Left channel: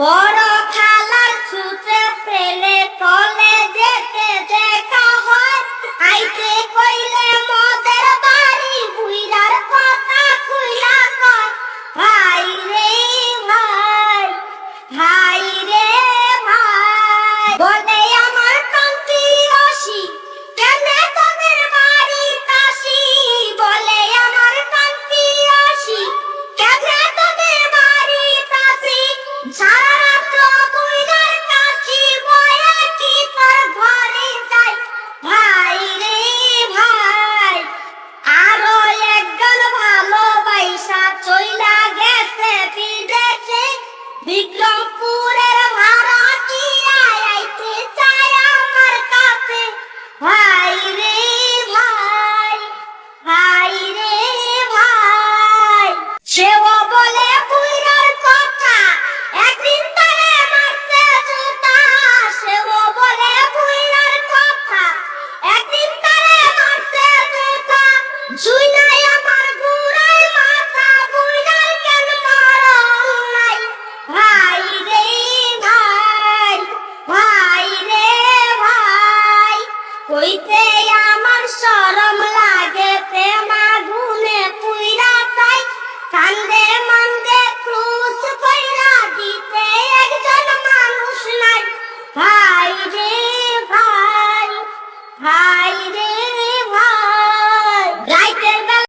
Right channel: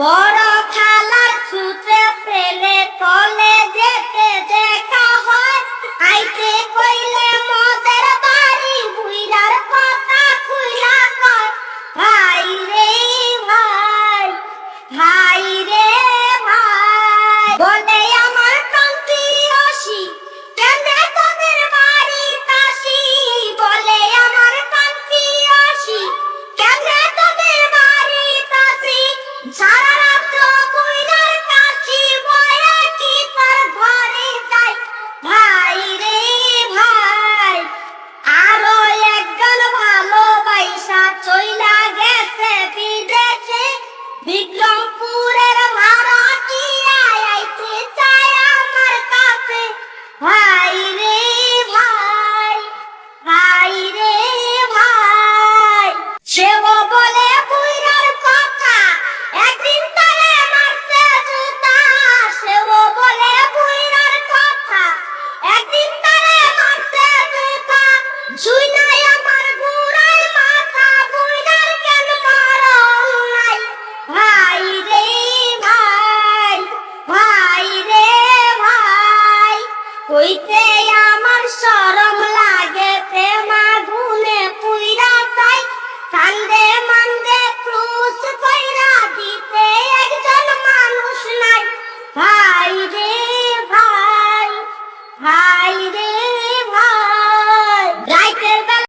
বড় খালার ছুটে ফেলে তলে যেতে দেখা হয়, আইতে কইলে মদের বাড়ি বুইরার কথা খুইলা কয়। ভাই রে ভাই, ভাই রে ভাই, বলে আমার কান্তি অসি কেনে তোদের বাড়ি কাশি, বলে আমার কান্তি অসি কেনে তোদের বাড়ি কাশি, সারা রাত্র বুইরার কাশি বয়ে কি তোর ঘরে যাই। ভাই রে ভাই, আরো একজন ভালোবাসা চইলা গেছে বিদেশে, বিক্রমপুরের ভাড়াটিয়া আইতে চায় আমার কাছে। ভাই রে ভাই, ভাই রে ভাই, সেও বলে বুইরার কথা একদিন তারে মারতে জুতা, সেও বলে বুইরার কথা একদিন তারে মারতে জুতা, জুইনাই আমার গুড়াই মাথা বুইরার কেন মরণ নাই। ভাই রে ভাই, ভাই রে ভাই, কইতে আমার শরম লাগে প্রেম আগুনে পুইরা চাই, কান্দে মান্দে ক্রুশ কইরা দিতে একজন মানুষ নাই। ভাই রে ভাই, ভাই রে